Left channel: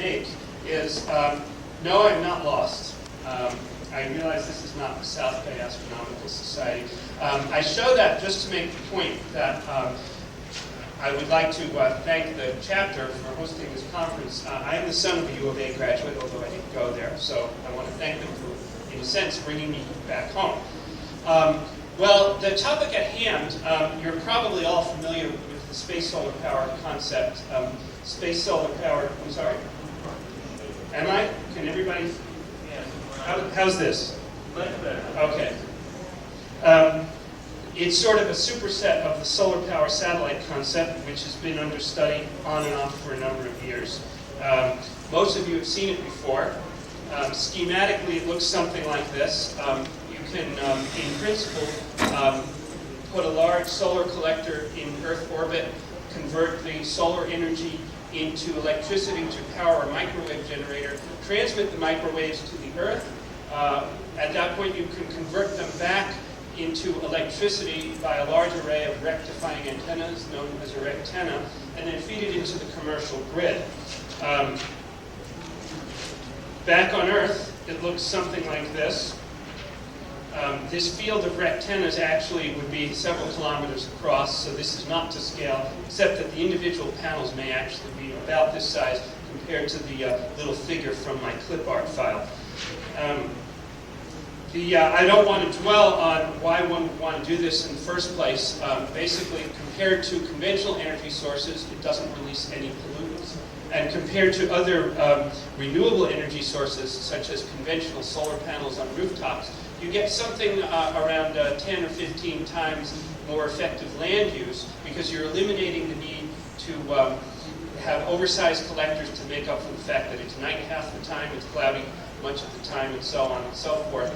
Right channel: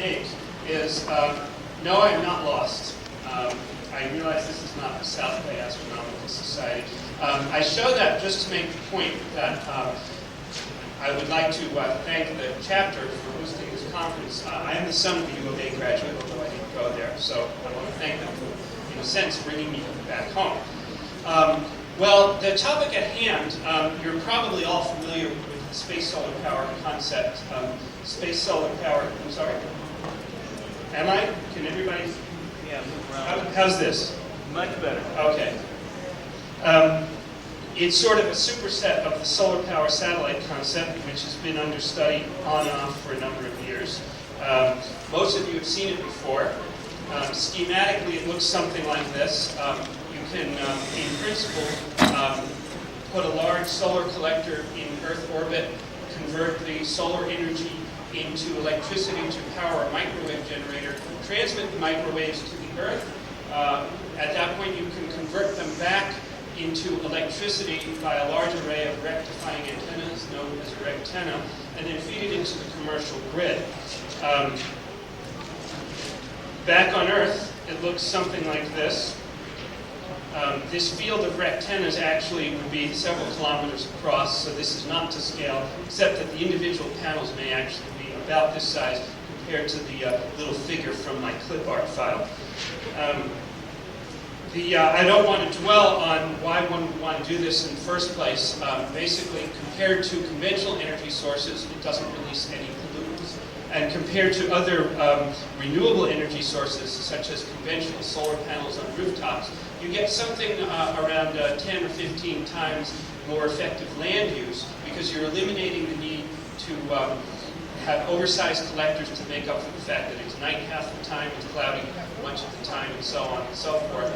make is, no, I'm not lost. I realize this is not the South Bay Astronomical Society. I show that just to make the point that I would like to thank the chapter for hosting this conference. I am the son of a U of A graduate, although I didn't go there, so I want to thank them for, in a sense, bringing me back home. Well, the topic at hand, you're probably all familiar with the space solar power concept. Space solar power, I'm sorry. Am I? Can everybody? Yeah. How's this? Much better. Okay. It's sort of a superset of the solar power satellite concept, which has been under study on and off for a number of years. Most of you have seen it before. Schematically, it looks something like this. You can, in principle, put a large solar collector in Earth orbit, convert the solar energy into electricity to power a microwave generator, transmit the microwaves to the Earth. At that point, you can convert them back into electricity by a large array of rectifying antennas, known as a rectenna, and then feed it into the commercial grid. Back on Earth, it looks something like this. This field of rectennas actually would be several kilometers across, so this is not to scale, except that the individual panels may actually be about this size compared to the little figure from my clip art file. I don't want to dwell on why one would want to do this in the first place. Basically, compared to conventional energy sources, it doesn't release any pollutants. And compared to other renewable energy sources, such as conventional solar panels on rooftops, you get something around 10 or 15 times more effective land use, because you're eliminating the need to have oversized collectors to make up for the fact that it's night half the time, it's cloudy much of the time, and so on and so forth.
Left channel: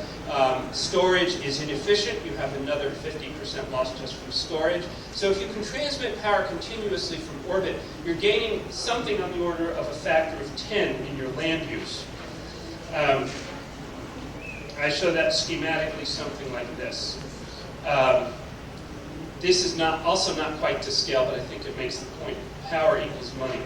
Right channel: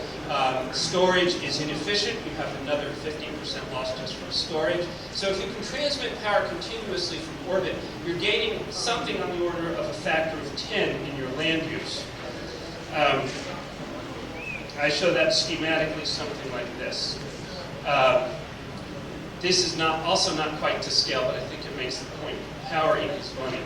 Storage is inefficient. You have another 15% loss just from storage. So if you can transmit power continuously from orbit, you're gaining something on the order of a factor of 10 in your land use. I show that schematically something like this. This is also not quite to scale, but I think it makes the point. Power equals money.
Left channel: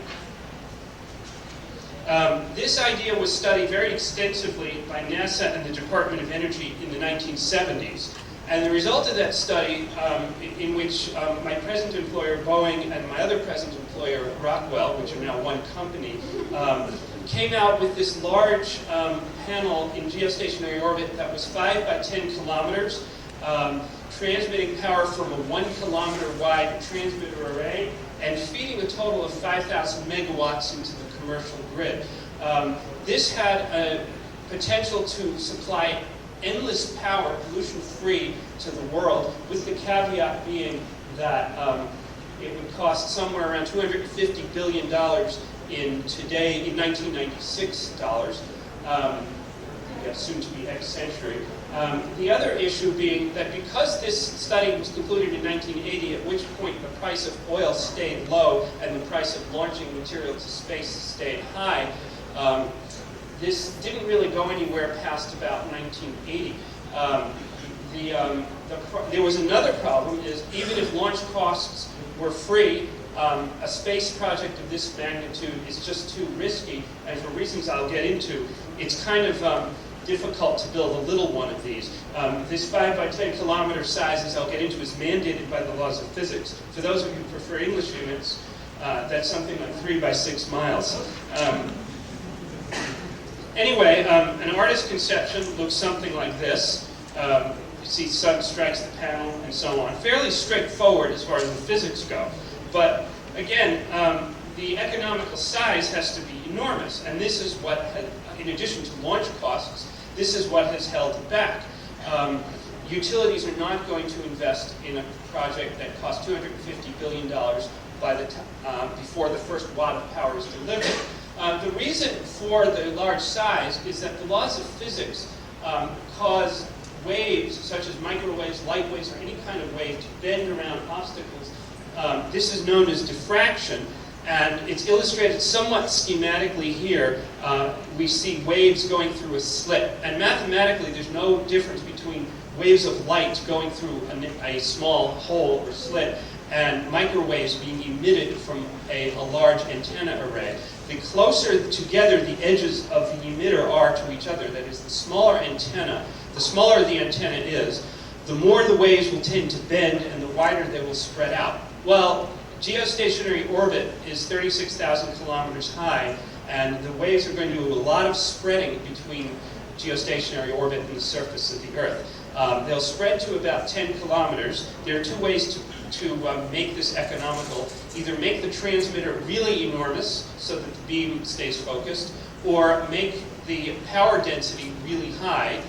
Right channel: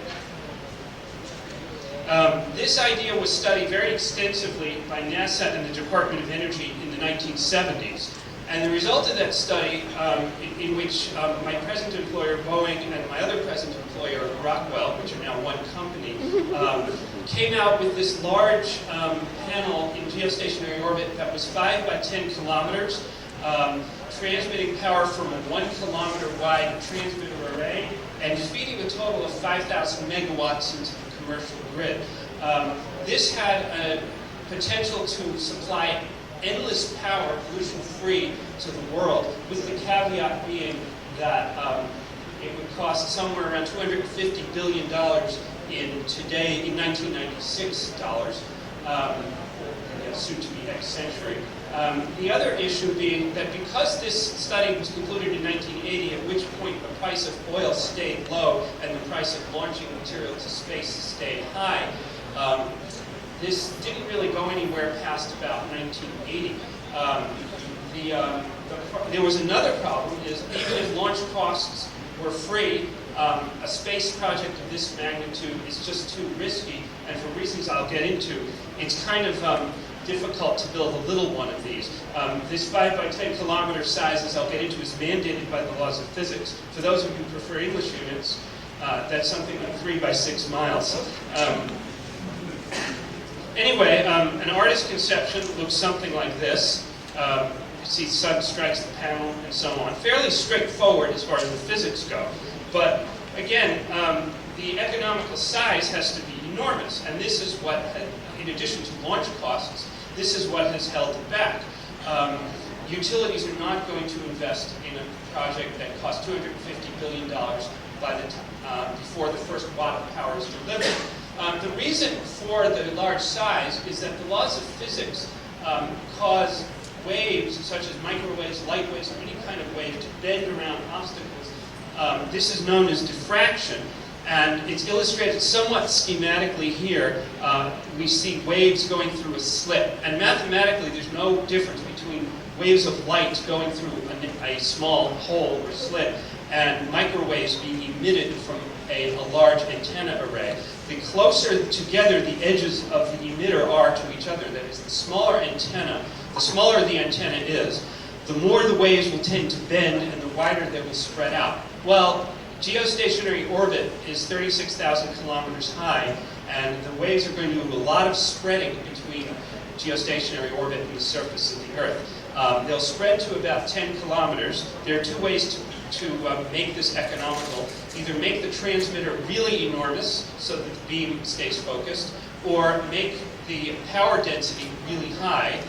This idea was studied very extensively by NASA and the Department of Energy in the 1970s. And the result of that study, in which my present employer, Boeing, and my other present employer, Rockwell, which are now one company, came out with this large panel in geostationary orbit that was 5 by 10 kilometers, transmitting power from a 1 kilometer wide transmitter array, and feeding a total of 5,000 megawatts into the commercial grid. This had a potential to supply endless power, pollution-free, to the world, with the caveat being that it would cost somewhere around $250 billion in 1996 dollars, soon to be next century. The other issue being that because this study was concluded in 1980, at which point the price of oil stayed low and the price of launching material to space stayed high, this didn't really go anywhere past about 1980. There was another problem, is even if launch costs were free, a space project of this magnitude is just too risky, and for reasons I'll get into, it's kind of difficult to build a little one of these. This 5 by 10 kilometer size, as I'll get into, is mandated by the laws of physics. For those of you who prefer English units, that's something like 3 by 6 miles. Anyway, an artist's conception looks something like this. You see sun strikes the panel and so on. Fairly straightforward as far as the physics go. But again, the economical size has to be enormous. And this is what, in addition to launch costs, this is what has held it back. Utilities are not going to invest in a project that costs $250 billion before the first watt of power is delivered. The reason for the large size is that the laws of physics cause waves, such as microwaves, light waves, or any kind of wave, to bend around obstacles. This is known as diffraction, and it's illustrated somewhat schematically here. We see waves going through a slit, and mathematically there's no difference between waves of light going through a small hole or slit and microwaves being emitted from a large antenna array. The closer together the edges of the emitter are to each other, that is, the smaller the antenna is, the more the waves will tend to bend and the wider they will spread out. Well, geostationary orbit is 36,000 kilometers high, and the waves are going to do a lot of spreading between geostationary orbit and the surface of the Earth. They'll spread to about 10 kilometers. There are two ways to make this economical. Either make the transmitter really enormous so that the beam stays focused, or make the power density really high,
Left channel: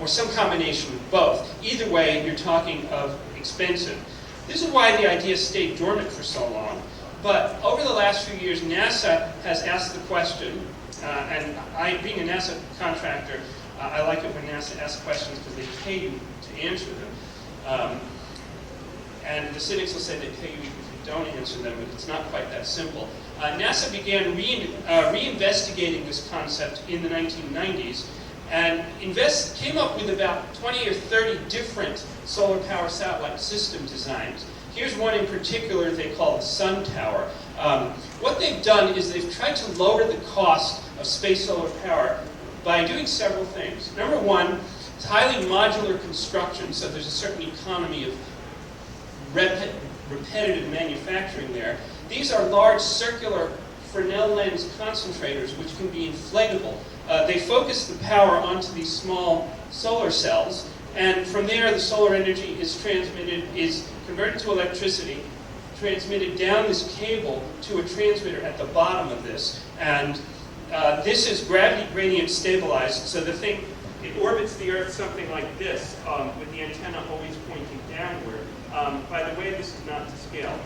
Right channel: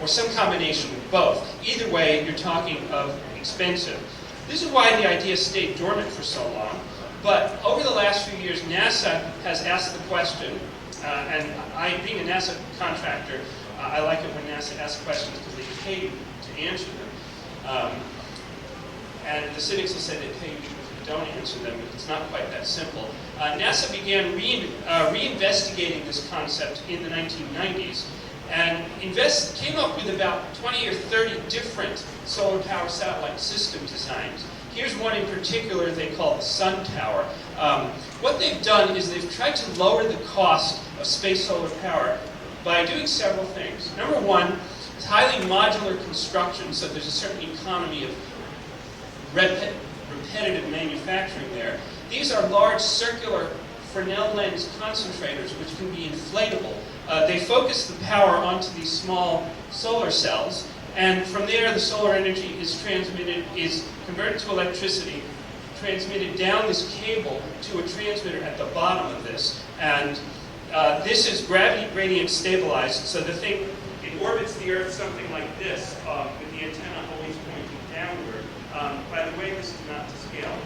or some combination of both. Either way, you're talking of expensive. This is why the idea stayed dormant for so long. But over the last few years, NASA has asked the question, and being a NASA contractor, I like it when NASA asks questions because they pay you to answer them. And the cynics will say they pay you if you don't answer them, but it's not quite that simple. NASA began reinvestigating this concept in the 1990s and came up with about 20 or 30 different solar power satellite system designs. Here's one in particular they call the Sun Tower. What they've done is they've tried to lower the cost of space solar power by doing several things. Number one, it's highly modular construction, so there's a certain economy of repetitive manufacturing there. These are large circular Fresnel lens concentrators which can be inflatable. They focus the power onto these small solar cells, and from there the solar energy is converted to electricity, transmitted down this cable to a transmitter at the bottom of this, and this is gravity gradient stabilized, so the thing, it orbits the Earth something like this, with the antenna always pointing downward. By the way, this is not to scale.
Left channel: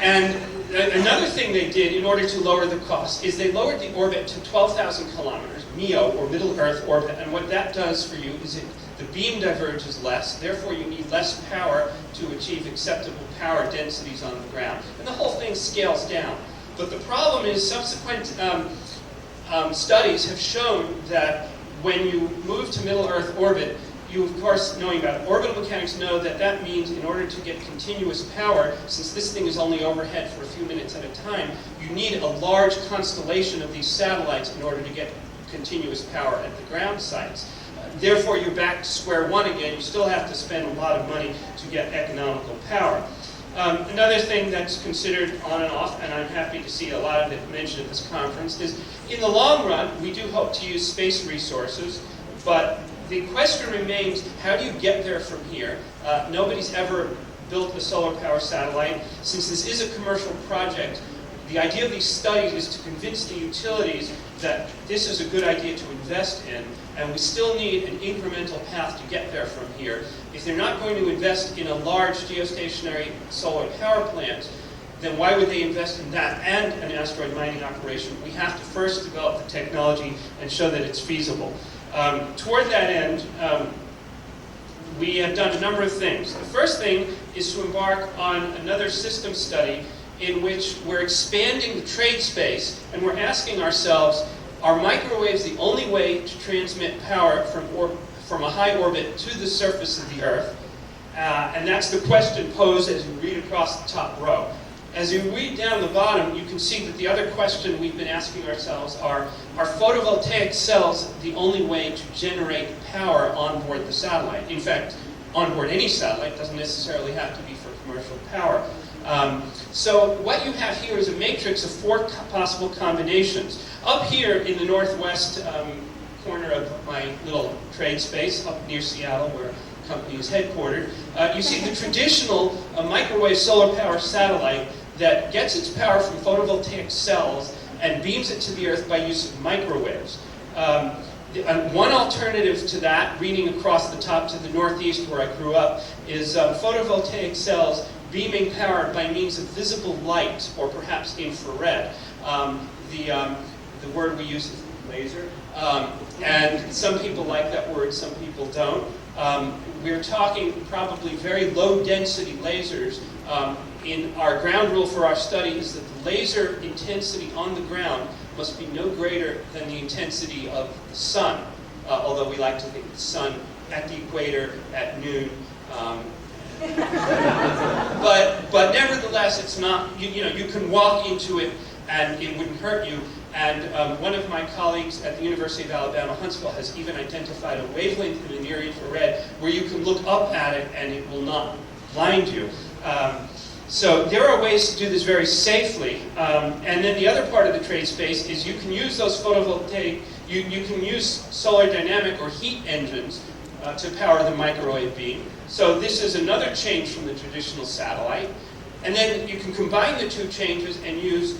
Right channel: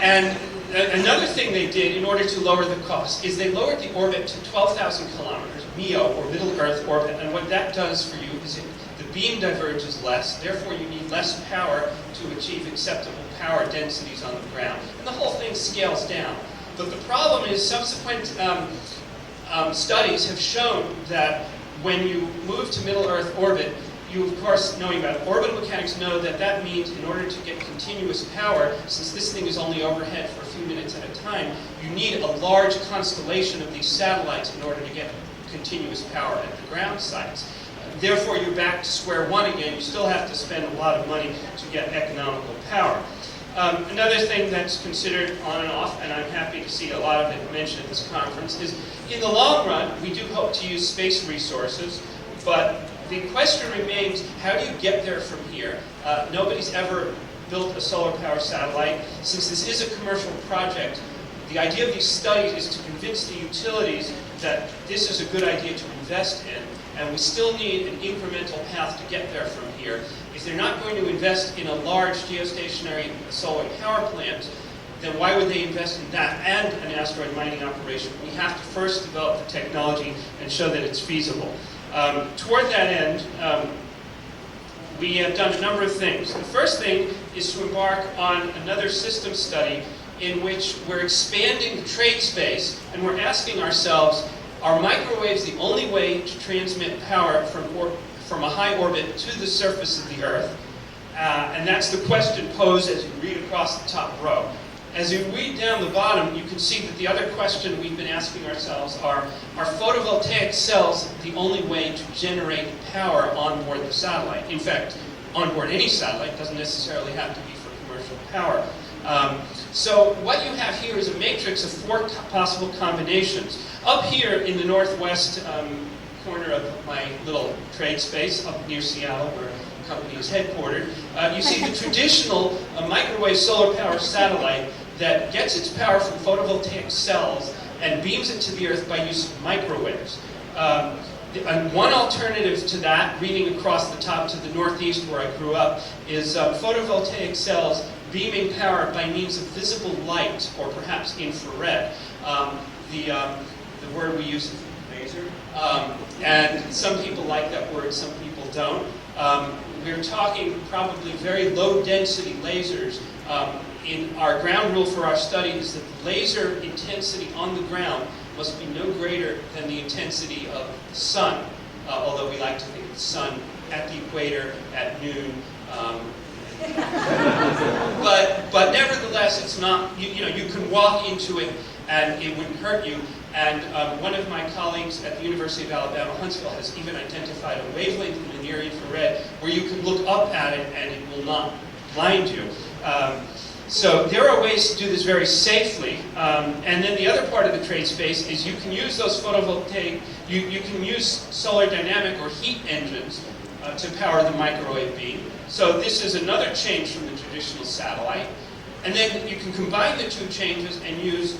And another thing they did in order to lower the cost is they lowered the orbit to 12,000 kilometers, MEO, or Middle Earth orbit, and what that does for you is the beam diverges less, therefore you need less power to achieve acceptable power densities on the ground. And the whole thing scales down. But the problem is subsequent studies have shown that when you move to Middle Earth orbit, you, of course, knowing about orbital mechanics, know that that means in order to get continuous power, since this thing is only overhead for a few minutes at a time, you need a large constellation of these satellites in order to get continuous power at the ground sites. Therefore, you're back to square one again. You still have to spend a lot of money to get economical power. Another thing that's considered on and off, and I'm happy to see a lot of it mentioned at this conference, is in the long run, we do hope to use space resources, but the question remains, how do you get there from here? Nobody's ever built a solar power satellite. Since this is a commercial project, the idea of these studies is to convince the utilities that this is a good idea to invest in, and we still need an incremental path to get there from here. If they're not going to invest in a large geostationary solar power plant, then why would they invest in that and an asteroid mining operation? We have to first develop the technology and show that it's feasible. Toward that end, we have done a number of things. The first thing is to embark on another system study in which we're expanding the trade space and we're asking ourselves, are microwaves the only way to transmit power from a high orbit to the surface of the Earth? And that's the question posed as you read across the top row. As you read down the bottom, you can see that the other question we've been asking ourselves are photovoltaic cells the only way to generate power on board the satellite? In fact, on board any satellite, doesn't necessarily have to be for commercial power. So what you have here is a matrix of four possible combinations. Up here in the northwest corner of my little trade space, up near Seattle, where the company is headquartered, you see the traditional microwave solar power satellite that gets its power from photovoltaic cells and beams it to the Earth by use of microwaves. And one alternative to that, reading across the top to the northeast where I grew up, is photovoltaic cells beaming power by means of visible light, or perhaps infrared. The word we use is laser, and some people like that word, some people don't. We're talking probably very low-density lasers. In our ground rule for our study is that the laser intensity on the ground must be no greater than the intensity of the sun, although we like to think of the sun at the equator, at noon, but nevertheless, it's not, you can walk into it and it wouldn't hurt you. And one of my colleagues at the University of Alabama, Huntsville, has even identified a wavelength in the near infrared where you can look up at it and it will not blind you. So there are ways to do this very safely. And then the other part of the trade space is you can use those photovoltaic, you can use solar dynamic or heat engines to power the microwave beam. So this is another change from the traditional satellite. And then you can combine the two changes and use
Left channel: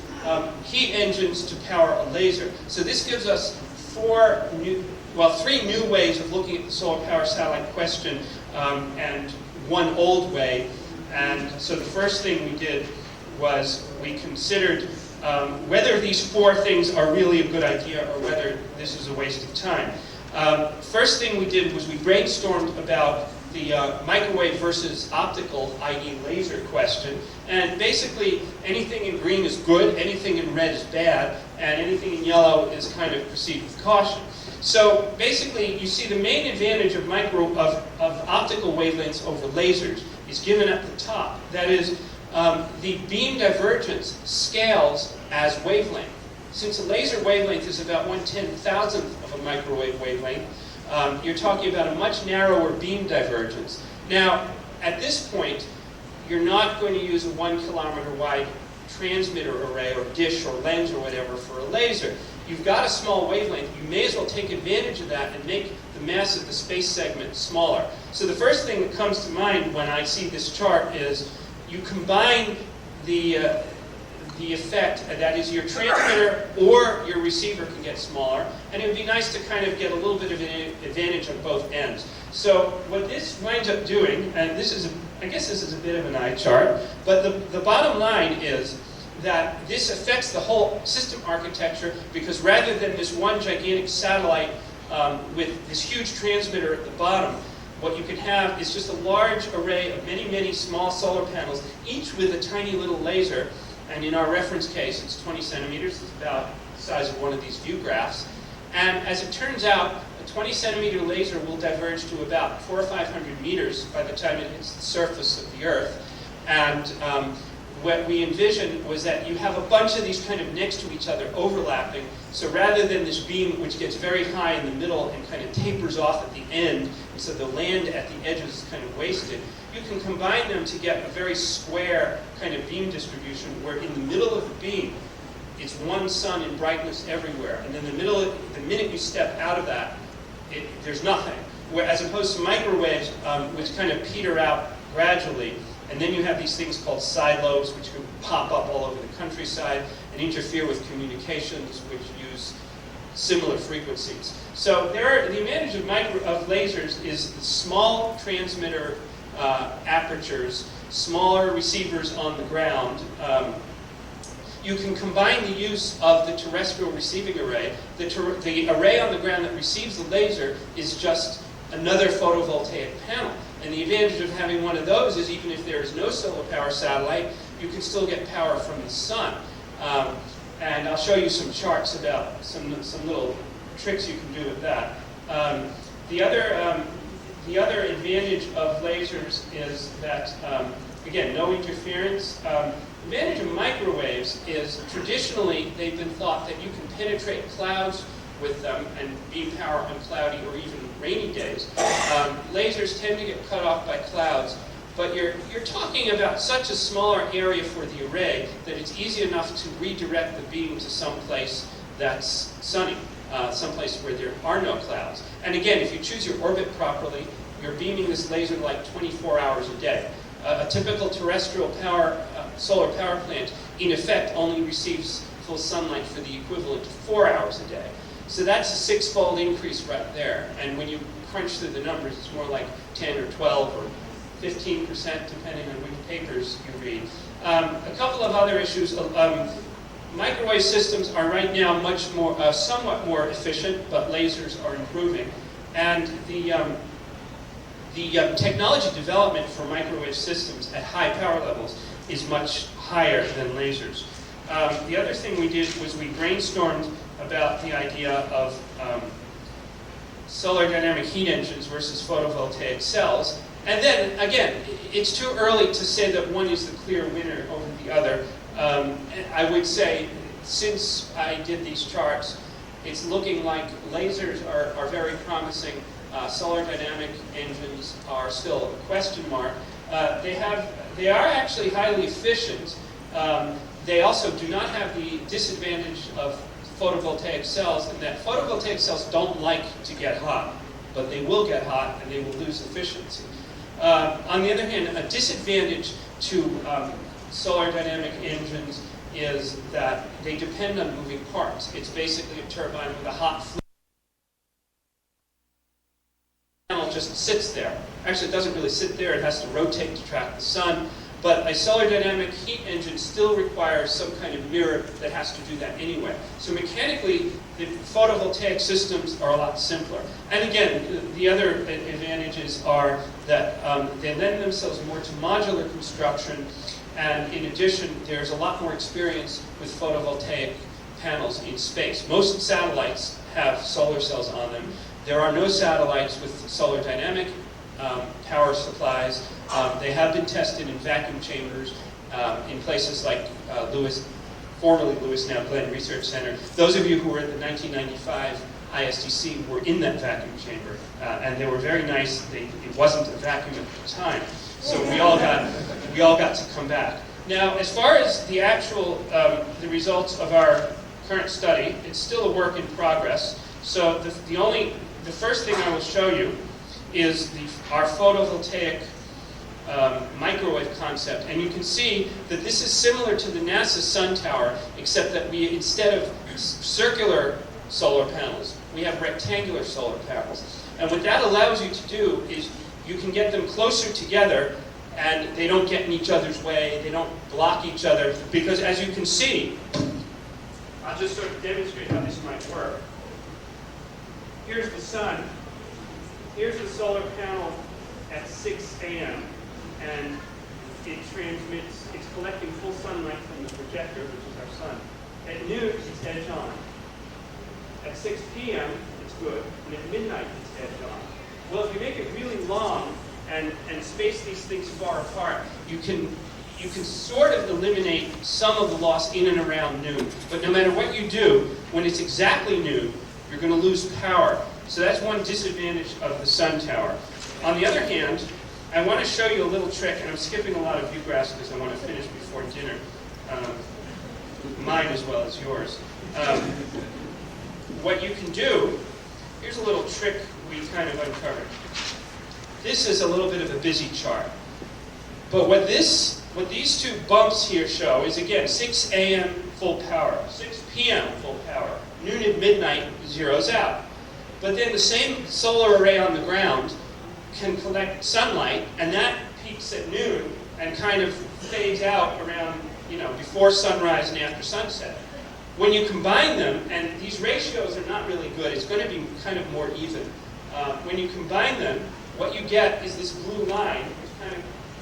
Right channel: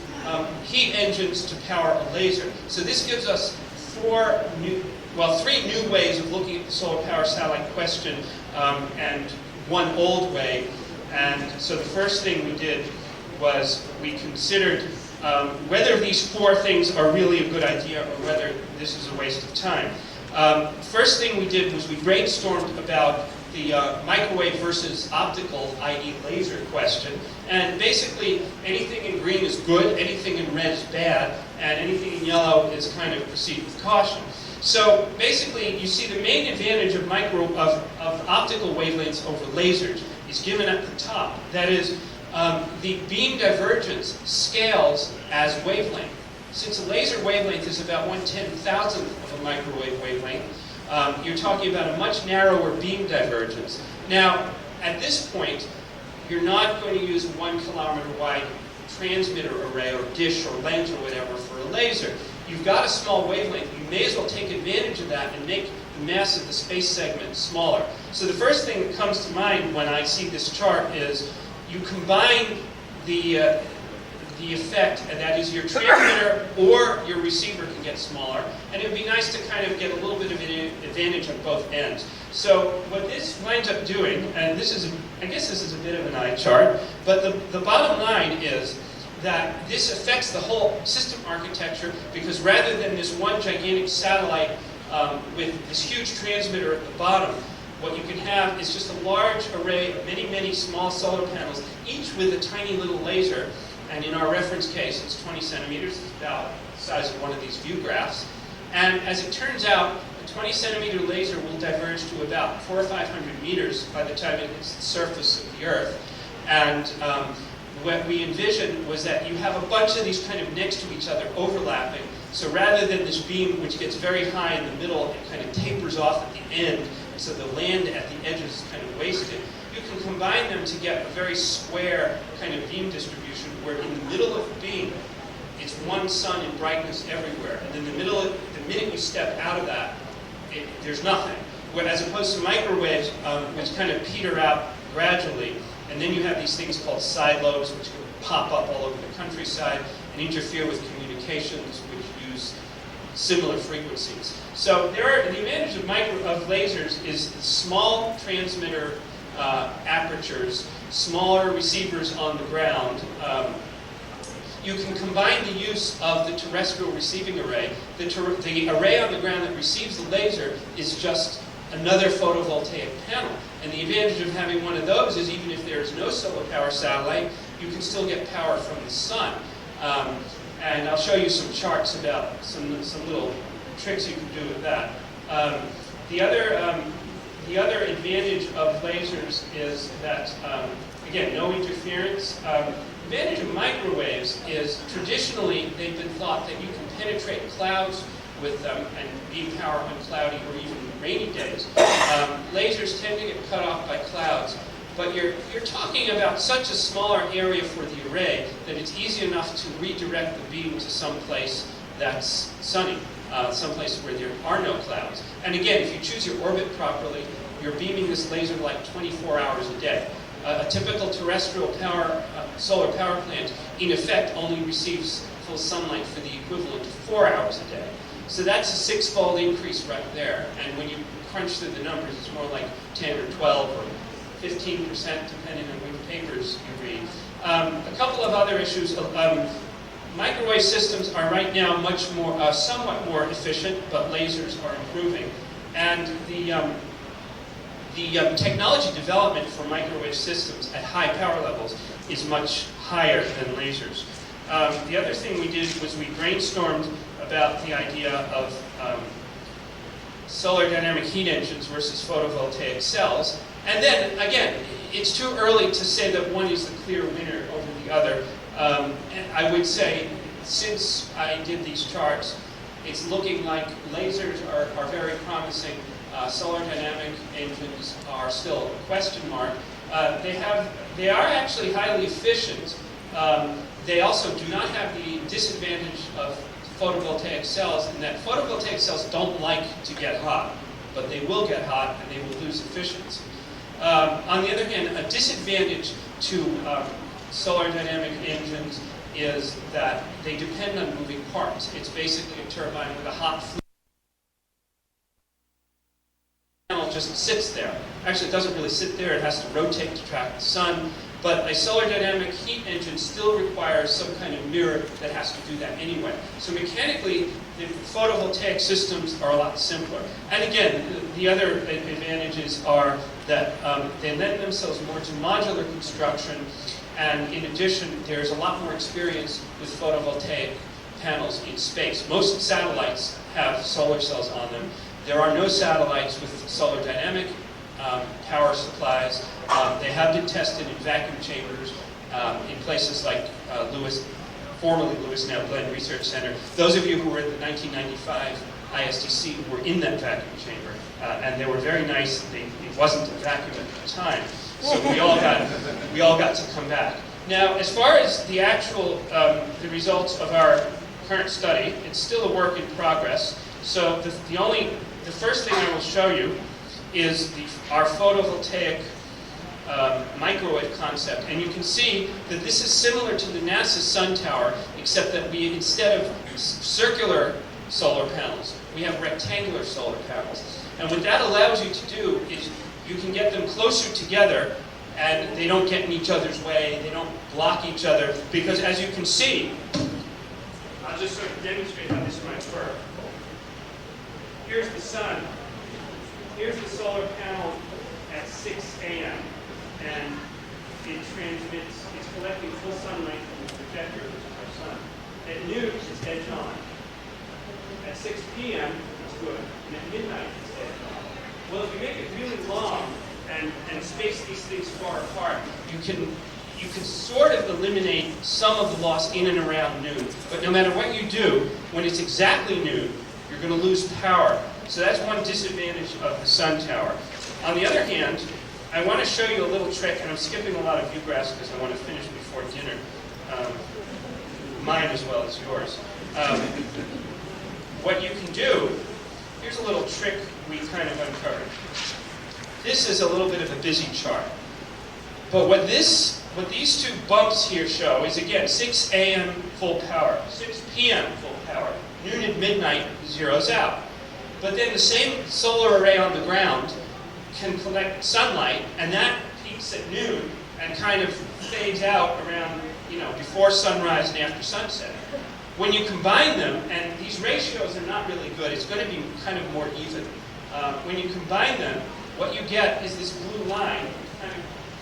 heat engines to power a laser. So this gives us three new ways of looking at the solar power satellite question, and one old way. And so the first thing we did was we considered whether these four things are really a good idea or whether this is a waste of time. First thing we did was we brainstormed about the microwave versus optical, i.e. laser question. And basically, anything in green is good, anything in red is bad, and anything in yellow is kind of proceed with caution. So basically, you see the main advantage of optical wavelengths over lasers is given at the top. That is, the beam divergence scales as wavelength. Since a laser wavelength is about 1/10,000th of a microwave wavelength, you're talking about a much narrower beam divergence. Now, at this point, you're not going to use a 1 kilometer wide transmitter array or dish or lens or whatever for a laser. You've got a small wavelength. You may as well take advantage of that and make the mass of the space segment smaller. So the first thing that comes to mind when I see this chart is you combine the effect, and that is your transmitter or your receiver can get smaller, and it would be nice to kind of get a little bit of an advantage on both ends. So what this winds up doing, and I guess this is a bit of an eye chart, but the bottom line is that this affects the whole system architecture, because rather than this one gigantic satellite with this huge transmitter at the bottom, what you can have is just a large array of many, many small solar panels, each with a tiny little laser. And in our reference case, it's 20 centimeters. It's about the size of one of these view graphs. And as it turns out, a 20 centimeter laser will diverge to about 400 or 500 meters by the time it hits the surface of the Earth. And what we envisioned was that you have a bunch of these kind of next to each other overlapping. So rather than this beam which gets very high in the middle and kind of tapers off at the end, so the land at the edges is kind of wasted, you can combine them to get a very square kind of beam distribution where in the middle of the beam, it's one sun in brightness everywhere. And then the minute you step out of that, there's nothing. As opposed to microwaves, which kind of peter out gradually. And then you have these things called side lobes, which can pop up all over the countryside and interfere with communications, which use similar frequencies. So the advantage of lasers is the small transmitter apertures, smaller receivers on the ground. You can combine the use of the terrestrial receiving array. The array on the ground that receives the laser is just another photovoltaic panel. And the advantage of having one of those is even if there is no solar power satellite, you can still get power from the sun. And I'll show you some charts about some little tricks you can do with that. The other advantage of lasers is that, again, no interference. The advantage of microwaves is traditionally they've been thought that you can penetrate clouds with them and beam power on cloudy or even rainy days. Lasers tend to get cut off by clouds, but you're talking about such a smaller area for the array that it's easy enough to redirect the beam to some place that's sunny, someplace where there are no clouds. And again, if you choose your orbit properly, you're beaming this laser like 24 hours a day. A typical terrestrial solar power plant, in effect, only receives full sunlight for the equivalent of 4 hours a day. So that's a 6-fold increase right there. And when you crunch through the numbers, it's more like 10 or 12 or 15%, depending on which papers you read. A couple of other issues. Microwave systems are right now somewhat more efficient, but lasers are improving. And the technology development for microwave systems at high power levels is much higher than lasers. The other thing we did was we brainstormed about the idea of solar dynamic heat engines versus photovoltaic cells. And then, again, it's too early to say that one is the clear winner over the other. I would say, since I did these charts, it's looking like lasers are very promising. Solar dynamic engines are still a question mark. They are actually highly efficient. They also do not have the disadvantage of photovoltaic cells, in that photovoltaic cells don't like to get hot, but they will get hot and they will lose efficiency. On the other hand, a disadvantage to solar dynamic engines is that they depend on moving parts. It's basically a turbine with a hot fluid. The panel just sits there. Actually, it doesn't really sit there. It has to rotate to track the sun. But a solar dynamic heat engine still requires some kind of mirror that has to do that anyway. So mechanically, the photovoltaic systems are a lot simpler. And again, the other advantages are that they lend themselves more to modular construction. And in addition, there's a lot more experience with photovoltaic panels in space. Most satellites have solar cells on them. There are no satellites with solar dynamic power supplies. They have been tested in vacuum chambers in places like formerly Lewis, now Glenn Research Center. Those of you who were at the 1995 ISDC were in that vacuum chamber, and they were very nice. It wasn't a vacuum at the time, so we all got to come back. Now, as far as the actual the results of our current study, it's still a work in progress. So the first thing I will show you is our photovoltaic microwave concept. And you can see that this is similar to the NASA sun tower, except that we, instead of circular solar panels, we have rectangular solar panels. And what that allows you to do is you can get them closer together, and they don't get in each other's way, they don't block each other, because as you can see, I'll just sort of demonstrate how this might work. Here's the sun. Here's the solar panel at 6 a.m. and it transmits, it's collecting full sunlight from the projector, which is our sun. At noon, it's edge on. At 6 p.m., it's good. And at midnight, it's edge on. Well, if you make it really long and space these things far apart, you can sort of eliminate some of the loss in and around noon. But no matter what you do, when it's exactly noon, you're going to lose power. So that's one disadvantage of the sun tower. On the other hand, I want to show you a little trick, and I'm skipping a lot of view graphs because I want to finish before dinner. Mine as well as yours. What you can do, here's a little trick we kind of uncovered. This is a little bit of a busy chart. But what these two bumps here show is, again, 6 a.m. full power, 6 p.m. full power, noon at midnight zeroes out. But then the same solar array on the ground can collect sunlight, and that peaks at noon and kind of fades out around, before sunrise and after sunset. When you combine them, and these ratios are not really good, it's going to be kind of more even. When you combine them, what you get is this blue line.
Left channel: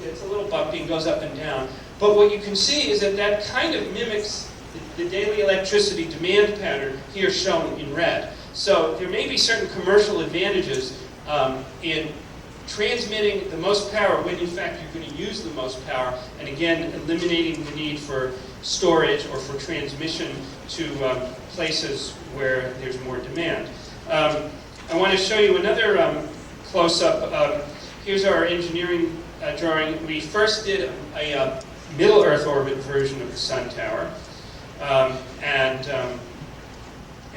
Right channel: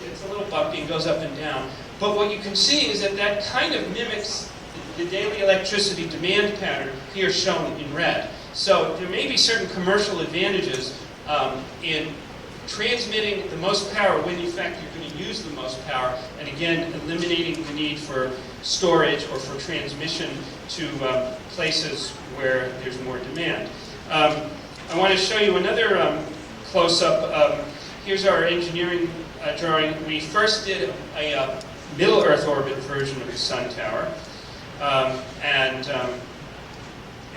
It's a little bumpy and goes up and down. But what you can see is that kind of mimics the daily electricity demand pattern here shown in red. So there may be certain commercial advantages in transmitting the most power when in fact you're going to use the most power, and again eliminating the need for storage or for transmission to places where there's more demand. I want to show you another close-up. Here's our engineering drawing. We first did a middle Earth orbit version of the sun tower, and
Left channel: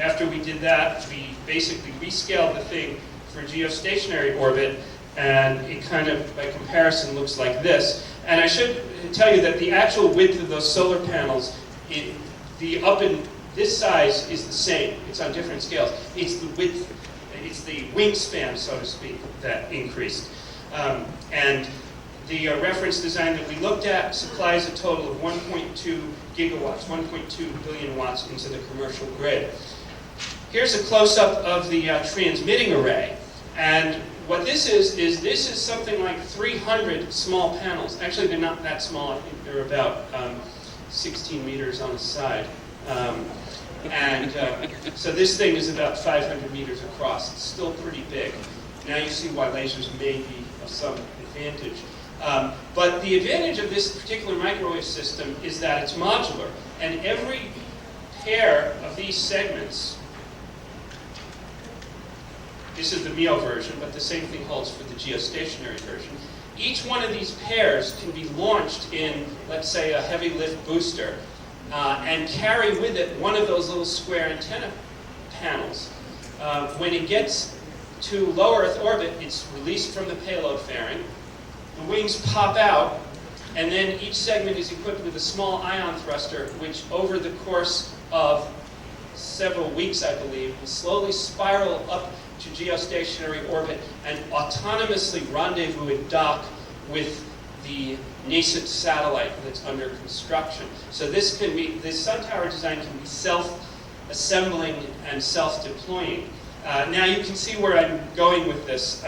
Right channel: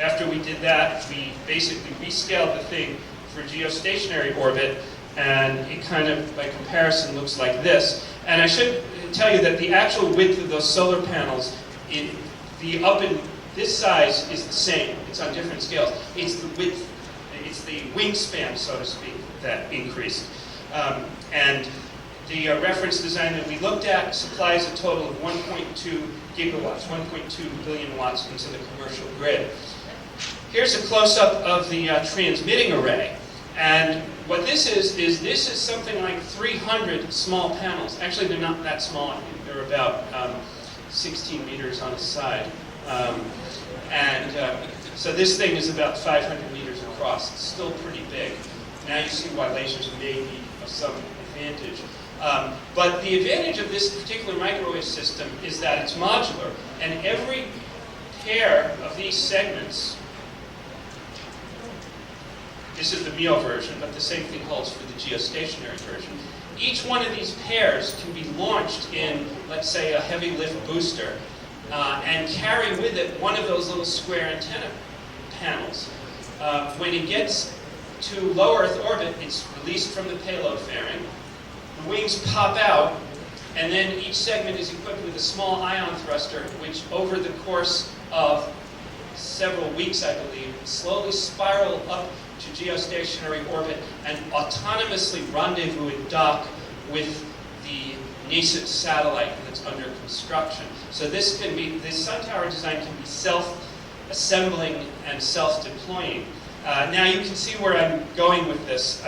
after we did that, we basically rescaled the thing for geostationary orbit, and it kind of, by comparison, looks like this. And I should tell you that the actual width of those solar panels, this size is the same. It's on different scales. It's the width, it's the wingspan, so to speak, that increased. And the reference design that we looked at supplies a total of 1.2 gigawatts, 1.2 billion watts into the commercial grid. Here's a close-up of the transmitting array. And what this is something like 300 small panels. Actually, they're not that small. I think they're about 16 meters on a side. So this thing is about 500 meters across. It's still pretty big. Now you see why lasers may be a some advantage. But the advantage of this particular microwave system is that it's modular, and every pair of these segments, this is the MEO version, but the same thing holds for the geostationary version. Each one of these pairs can be launched in, let's say, a heavy lift booster, and carry with it one of those little square antenna panels. When it gets to low Earth orbit, it's released from the payload fairing. The wings pop out, and then each segment is equipped with a small ion thruster, which over the course of several weeks, I believe, slowly spiral up to geostationary orbit and autonomously rendezvous and dock with the nascent satellite that's under construction. So this sun tower design can be self-assembling and self-deploying. Now you can see where I'm going with this.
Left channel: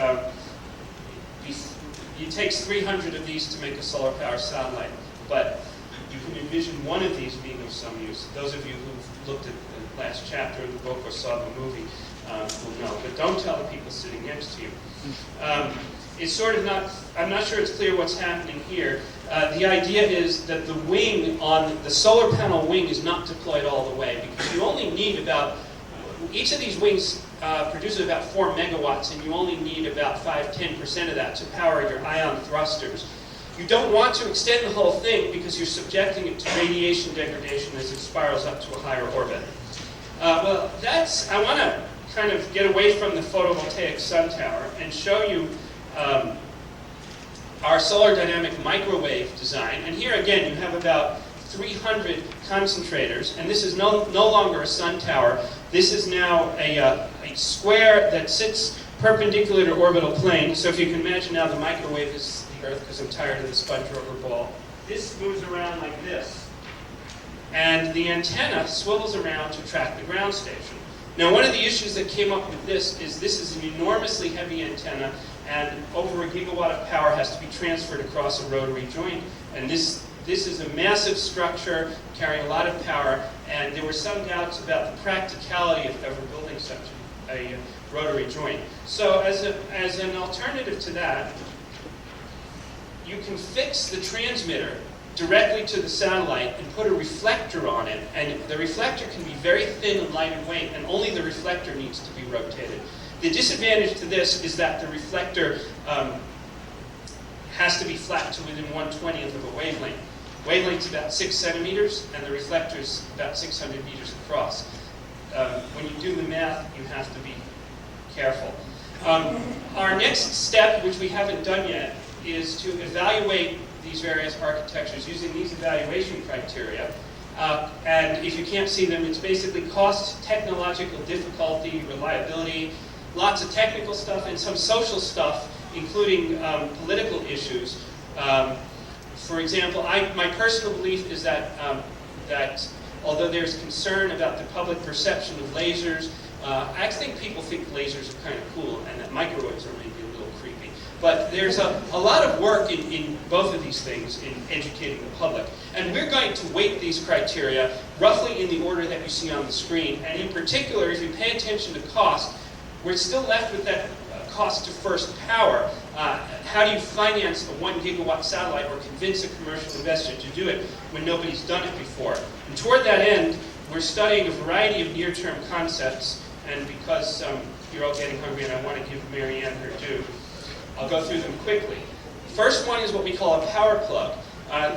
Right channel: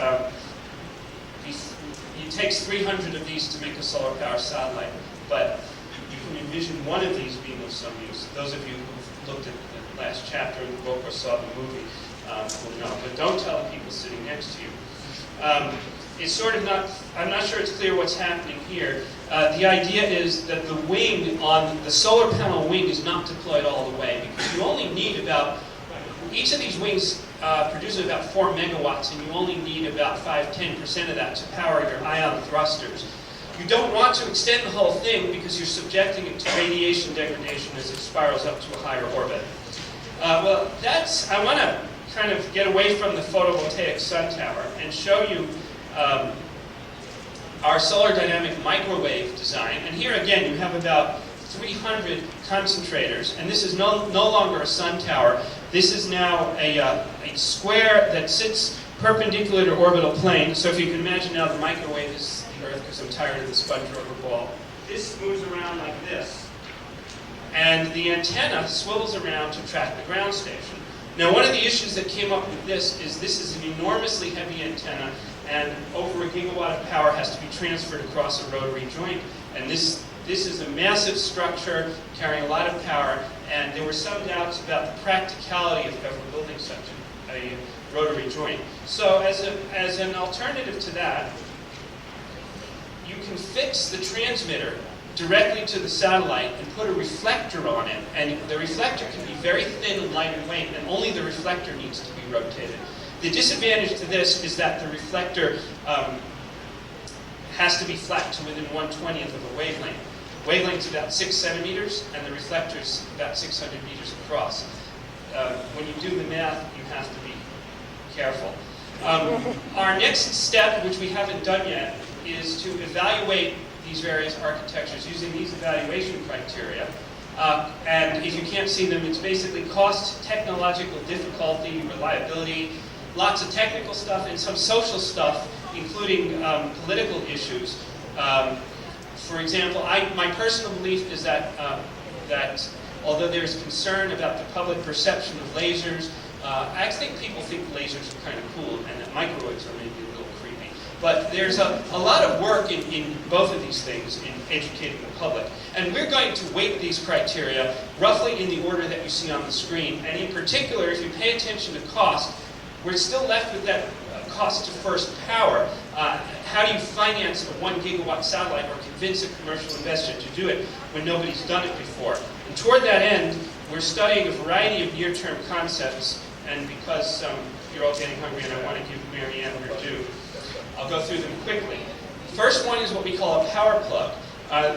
It takes 300 of these to make a solar power satellite, but you can envision one of these being of some use. Those of you who've looked at the last chapter of the book or saw the movie will know, but don't tell the people sitting next to you. It's sort of not, I'm not sure it's clear what's happening here. The idea is that the wing on the solar panel wing is not deployed all the way, because you only need about, each of these wings produces about 4 megawatts, and you only need about 5-10% of that to power your ion thrusters. You don't want to extend the whole thing because you're subjecting it to radiation degradation as it spirals up to a higher orbit. Well, I want to kind of get away from the photovoltaic sun tower and show you our solar dynamic microwave design. And here again, you have about 300 concentrators, and this is no longer a sun tower. This is now a square that sits perpendicular to orbital plane. So if you can imagine now, the microwave is the Earth, because I'm tired of the sponge rubber ball. This moves around like this, and the antenna swivels around to track the ground station. Now, one of the issues that came up with this is an enormously heavy antenna, and over a gigawatt of power has to be transferred across a rotary joint. And this is a massive structure carrying a lot of power, and there were some doubts about the practicality of ever building such a rotary joint. So as an alternative to that, you can fix the transmitter directly to the satellite and put a reflector on it, and the reflector can be very thin and light in weight, and only the reflector needs to be rotated. The disadvantage to this is that the reflector has to be flat to within 1/20th of a wavelength. Wavelength's about 6 centimeters, and the reflector's about 600 meters across. When you do the math, you have to be careful. Our next step, which we haven't done yet, is to evaluate these various architectures using these evaluation criteria. And if you can't see them, it's basically cost, technological difficulty, reliability, lots of technical stuff, and some social stuff, including political issues. For example, my personal belief is that although there's concern about the public perception of lasers, I think people think lasers are kind of cool, and that microwaves are maybe a little creepy. But there's a lot of work in both of these things in educating the public. And we're going to weight these criteria roughly in the order that you see on the screen. And in particular, if you pay attention to cost, we're still left with that cost to first power. How do you finance a 1 gigawatt satellite or convince a commercial investor to do it when nobody's done it before? And toward that end, we're studying a variety of near-term concepts. And because you're all getting hungry and I want to give Marianne her due, I'll go through them quickly. First one is what we call a power plug.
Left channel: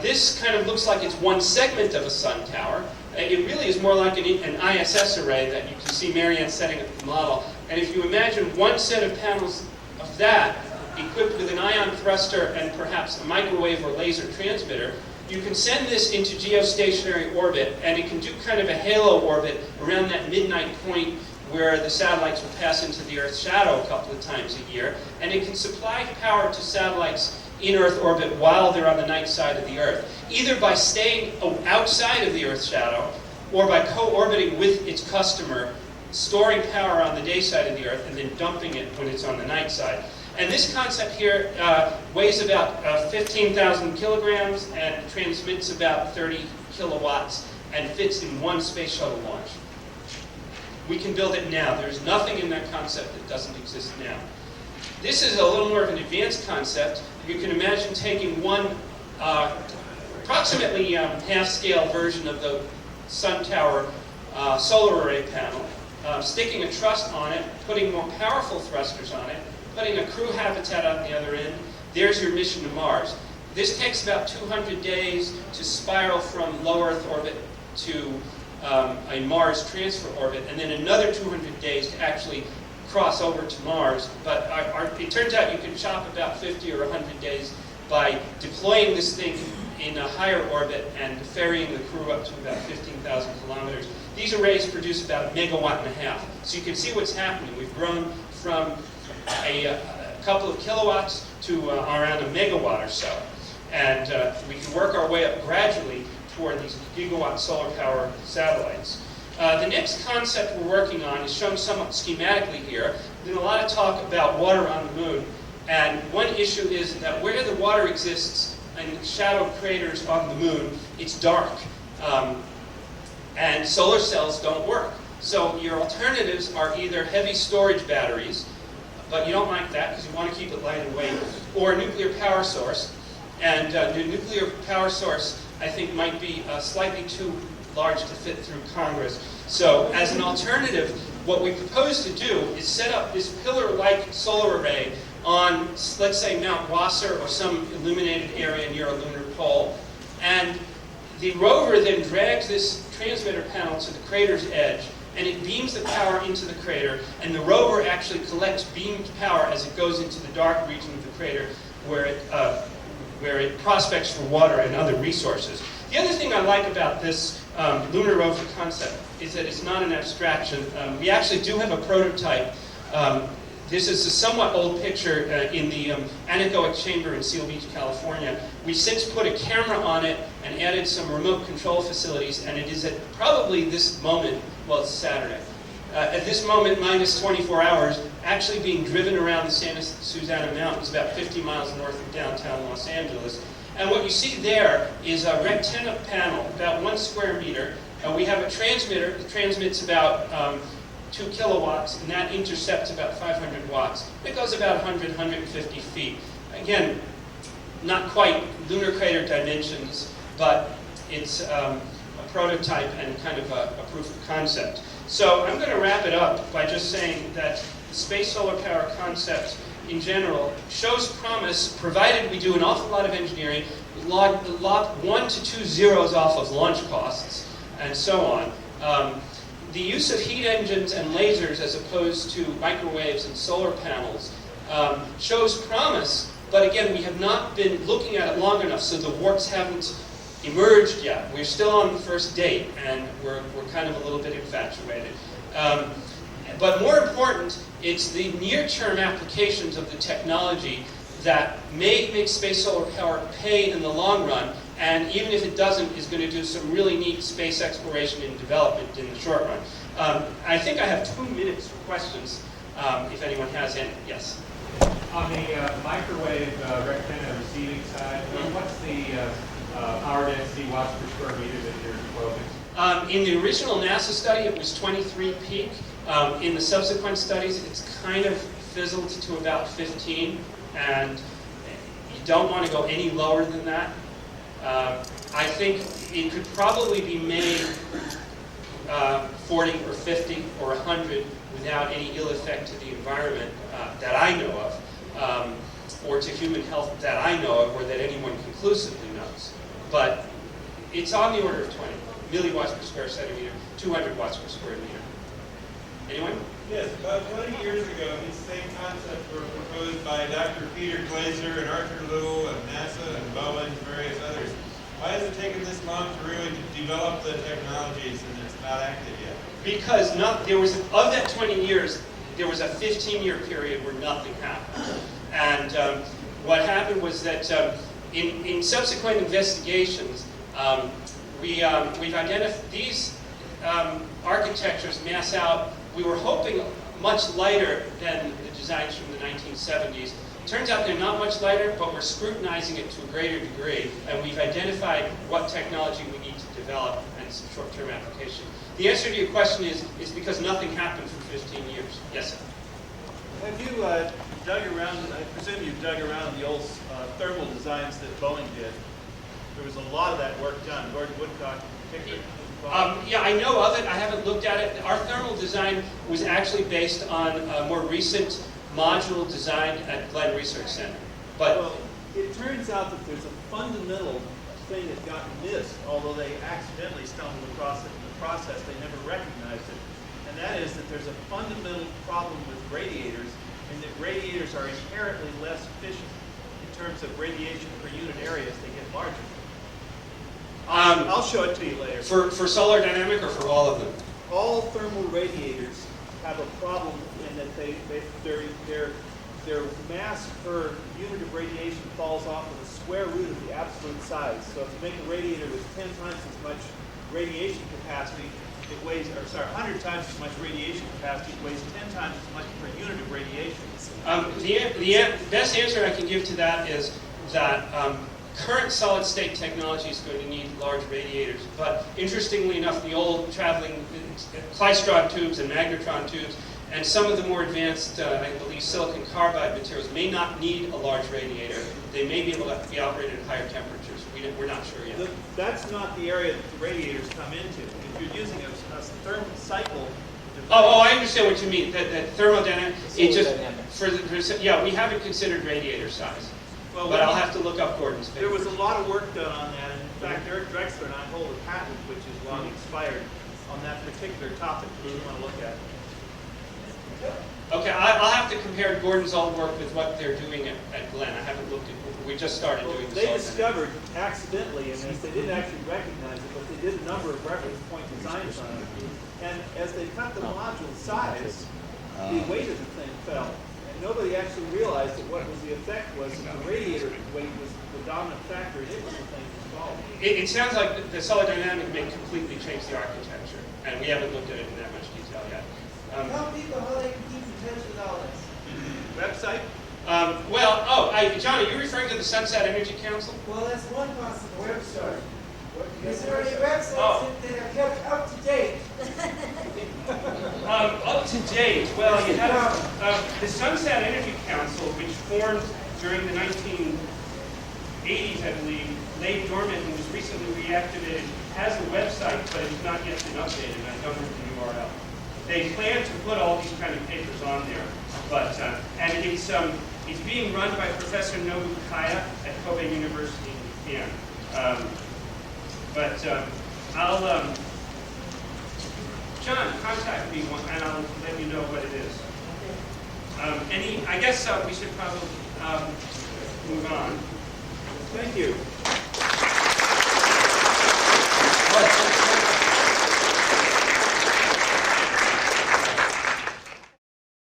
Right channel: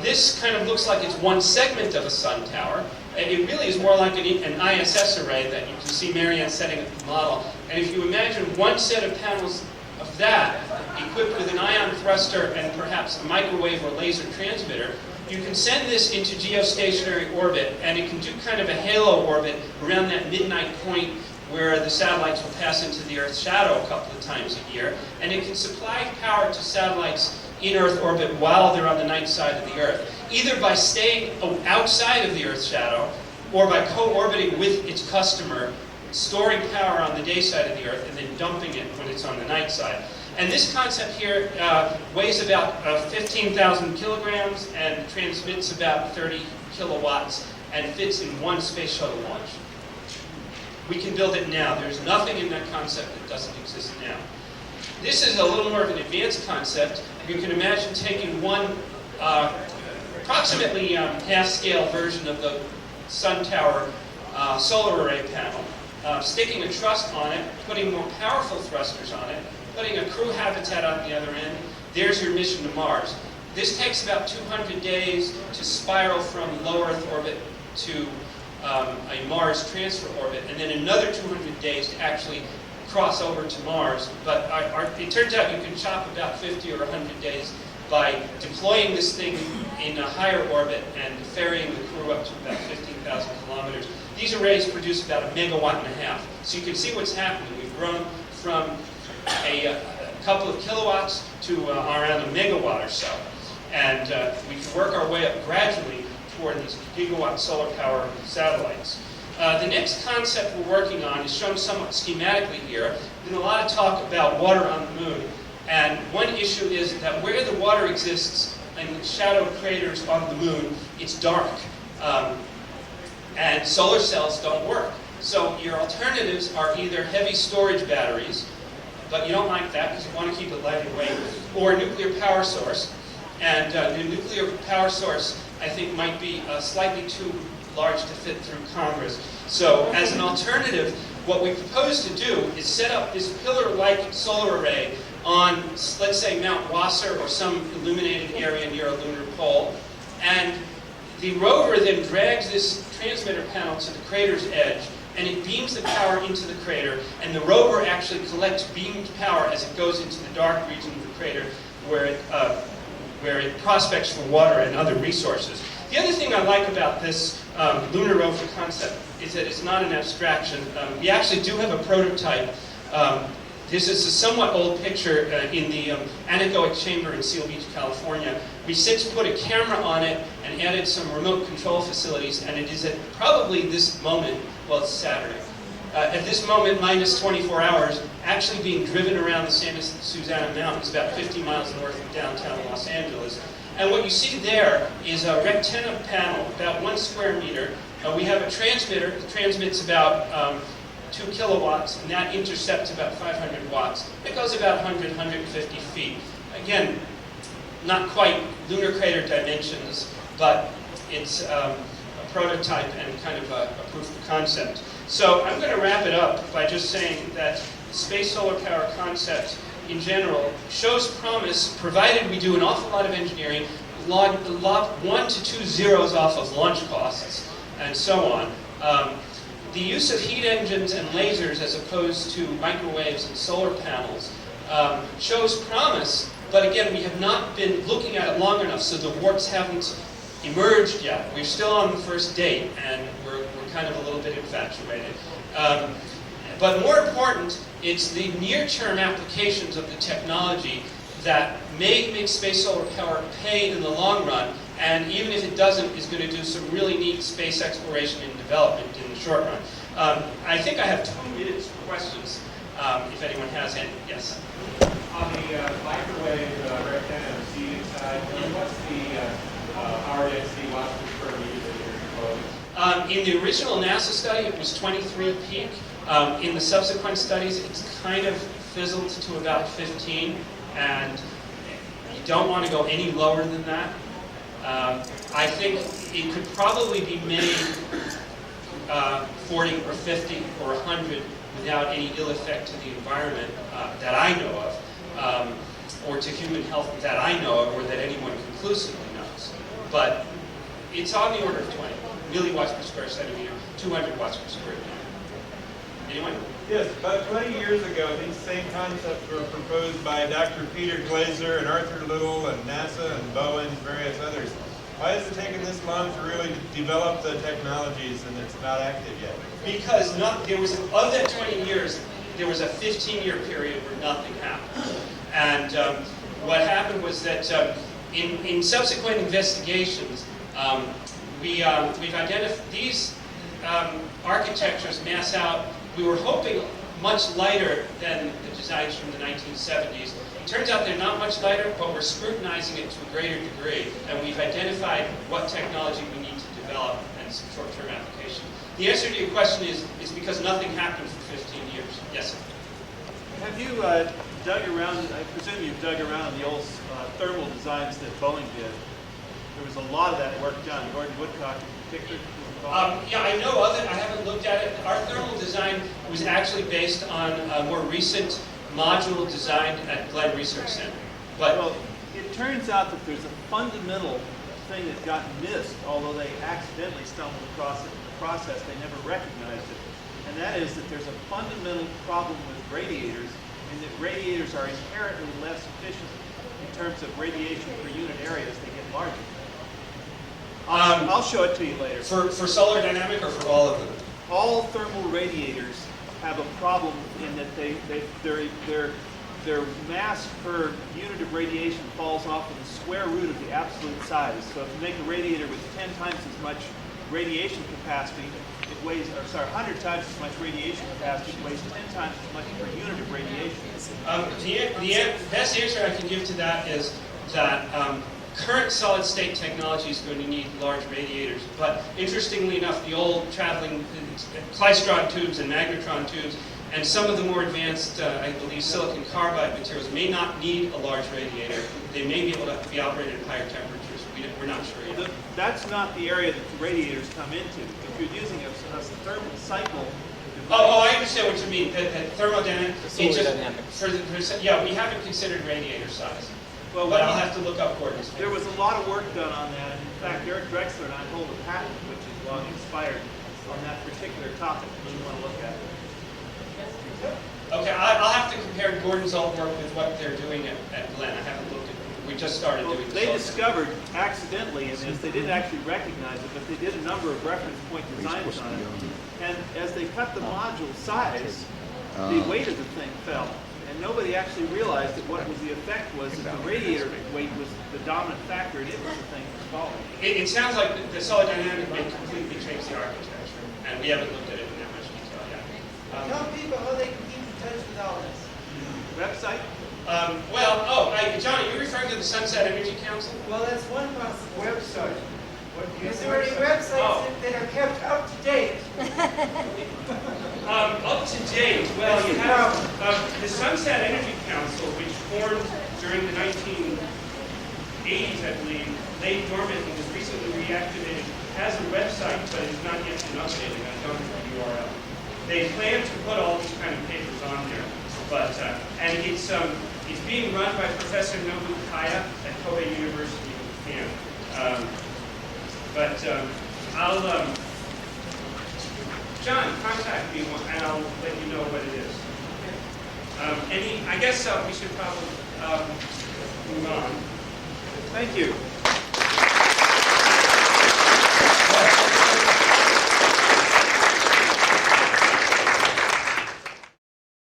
This kind of looks like it's one segment of a sun tower. It really is more like an ISS array that you can see Marianne setting up the model. And if you imagine one set of panels of that equipped with an ion thruster and perhaps a microwave or laser transmitter, you can send this into geostationary orbit, and it can do kind of a halo orbit around that midnight point where the satellites will pass into the Earth's shadow a couple of times a year, and it can supply power to satellites in Earth orbit while they're on the night side of the Earth, either by staying outside of the Earth's shadow or by co-orbiting with its customer, storing power on the day side of the Earth and then dumping it when it's on the night side. And this concept here weighs about 15,000 kilograms and transmits about 30 kilowatts and fits in one space shuttle launch. We can build it now. There's nothing in that concept that doesn't exist now. This is a little more of an advanced concept. You can imagine taking one approximately half-scale version of the sun tower solar array panel, sticking a truss on it, putting more powerful thrusters on it, putting a crew habitat on the other end. There's your mission to Mars. This takes about 200 days to spiral from low Earth orbit to a Mars transfer orbit, and then another 200 days to actually cross over to Mars. But it turns out you can chop about 50 or 100 days by deploying this thing in a higher orbit and ferrying the crew up to about 15,000 kilometers. These arrays produce about 1.5 megawatts. So you can see what's happening. We've grown from a couple of kilowatts to around 1 megawatt or so. And we can work our way up gradually toward these gigawatt solar power satellites. The next concept we're working on is shown somewhat schematically here. There's been a lot of talk about water on the moon. And one issue is that where the water exists in shadow craters on the moon, it's dark. And solar cells don't work. So your alternatives are either heavy storage batteries, but you don't like that because you want to keep it light and weight, or a nuclear power source. And the nuclear power source, I think, might be slightly too large to fit through Congress. So as an alternative, what we propose to do is set up this pillar-like solar array on, let's say, Mount Wasser or some illuminated area near a lunar pole. And the rover then drags this transmitter panel to the crater's edge, and it beams the power into the crater, and the rover actually collects beamed power as it goes into the dark region of the crater where it prospects for water and other resources. The other thing I like about this lunar rover concept is that it's not an abstraction. We actually do have a prototype. This is a somewhat old picture in the anechoic chamber in Seal Beach, California. We since put a camera on it and added some remote control facilities, and it is at probably this moment, well, it's Saturday, at this moment, minus 24 hours, actually being driven around the Santa Susana Mountains, about 50 miles north of downtown Los Angeles. And what you see there is a rectangular panel, about 1 square meter. We have a transmitter that transmits about 2 kilowatts, and that intercepts about 500 watts. It goes about 100, 150 feet. Again, not quite lunar crater dimensions, but it's a prototype and kind of a proof of concept. So I'm going to wrap it up by just saying that the space solar power concept in general shows promise, provided we do an awful lot of engineering, log 1 to 2 zeros off of launch costs, and so on. The use of heat engines and lasers as opposed to microwaves and solar panels shows promise, but again, we have not been looking at it long enough, so the warts haven't emerged yet. We're still on the first date, and we're kind of a little bit infatuated. But more important, it's the near-term applications of the technology that may make space solar power pay in the long run, and even if it doesn't, is going to do some really neat space exploration and development in the short run. I think I have 2 minutes for questions, if anyone has any. Yes? On the microwave rectangular seating side, what's the power density watts per square meter that you're quoting? In the original NASA study, it was 23 peak. In the subsequent studies, it's kind of fizzled to about 15, and you don't want to go any lower than that. I think it could probably be made 40 or 50 or 100 without any ill effect to the environment that I know of, or to human health that I know of, or that anyone conclusively knows. But it's on the order of 20 milliwatts per square centimeter, 200 watts per square meter. Anyone? Yes, about 20 years ago, these same concepts were proposed by Dr. Peter Glaser and Arthur Little and NASA and Bowen and various others. Why has it taken this long to really develop the technologies and it's not active yet? Because there was, of that 20 years, there was a 15-year period where nothing happened. And what happened was that in subsequent investigations, we've identified these architectures mass out. We were hoping much lighter than the designs from the 1970s. Turns out they're not much lighter, but we're scrutinizing it to a greater degree, and we've identified what technology we need to develop and some short-term application. The answer to your question is because nothing happened for 15 years. Yes, sir? Have you dug around, I presume you've dug around in the old thermal designs that Boeing did. There was a lot of that work done. Gordon Woodcock in particular was involved. Yeah, I know of it. I haven't looked at it. Our thermal design was actually based on a more recent module designed at Glenn Research Center. But Well, it turns out that there's a fundamental thing that got missed, although they accidentally stumbled across it in the process. They never recognized it. And that is that there's a fundamental problem with radiators, in that radiators are inherently less efficient in terms of radiation per unit area as they get larger. I'll show it to you later. for solar dynamic or for all of them? All thermal radiators have a problem in that their mass per unit of radiation falls off of the square root of the absolute size. So if you make a radiator with 10 times as much radiation capacity, it weighs, or sorry, 100 times as much radiation capacity, it weighs 10 times as much per unit of radiation. The best answer I can give to that is that current solid-state technology is going to need large radiators. But interestingly enough, the old traveling klystron tubes and magnetron tubes and some of the more advanced, I believe, silicon carbide materials may not need a large radiator. They may be able to be operated at higher temperatures. We're not sure yet. That's not the area that the radiators come into. If you're using a thermal cycle device, I understand what you mean. The thermodynamic. Thermodynamic. We haven't considered radiator size. well, But I'll have to look up Gordon's paper. there was a lot of work done on that, and in fact, Eric Drexler and I hold a patent which is long expired on that particular topic that you want to look at. Okay, I'll have to compare Gordon's old work with what they're doing at Glenn. I haven't looked at. We just started Well, doing this. they discovered accidentally in this, they didn't actually recognize it, but they did a number of reference point designs on it. And as they cut the module size, the weight of the thing fell. And nobody actually realized that what was the effect was that the radiator weight was the dominant factor in it was the thing that was falling. It sounds like the solid dynamic may completely change the architecture, and we haven't looked at it in that much detail yet. Tell people how they can keep in touch with all this. Website? John, are you referring to the Sunset Energy Council? Well, that's one possible. Website. There's already websites that are kept up to date. Up to date, well, you have the Sunset Energy Council, which formed during the 1980s, I believe, lay dormant and was recently reactivated, has a website, but it has not yet been updated. I don't have the URL. They plan to put all these kind of papers on there, but and it's being run by Professor Nobu Kaya at Kobe University in Japan. John, contact me and I'll let you know what it is. I guess we should probably move on. Thank you.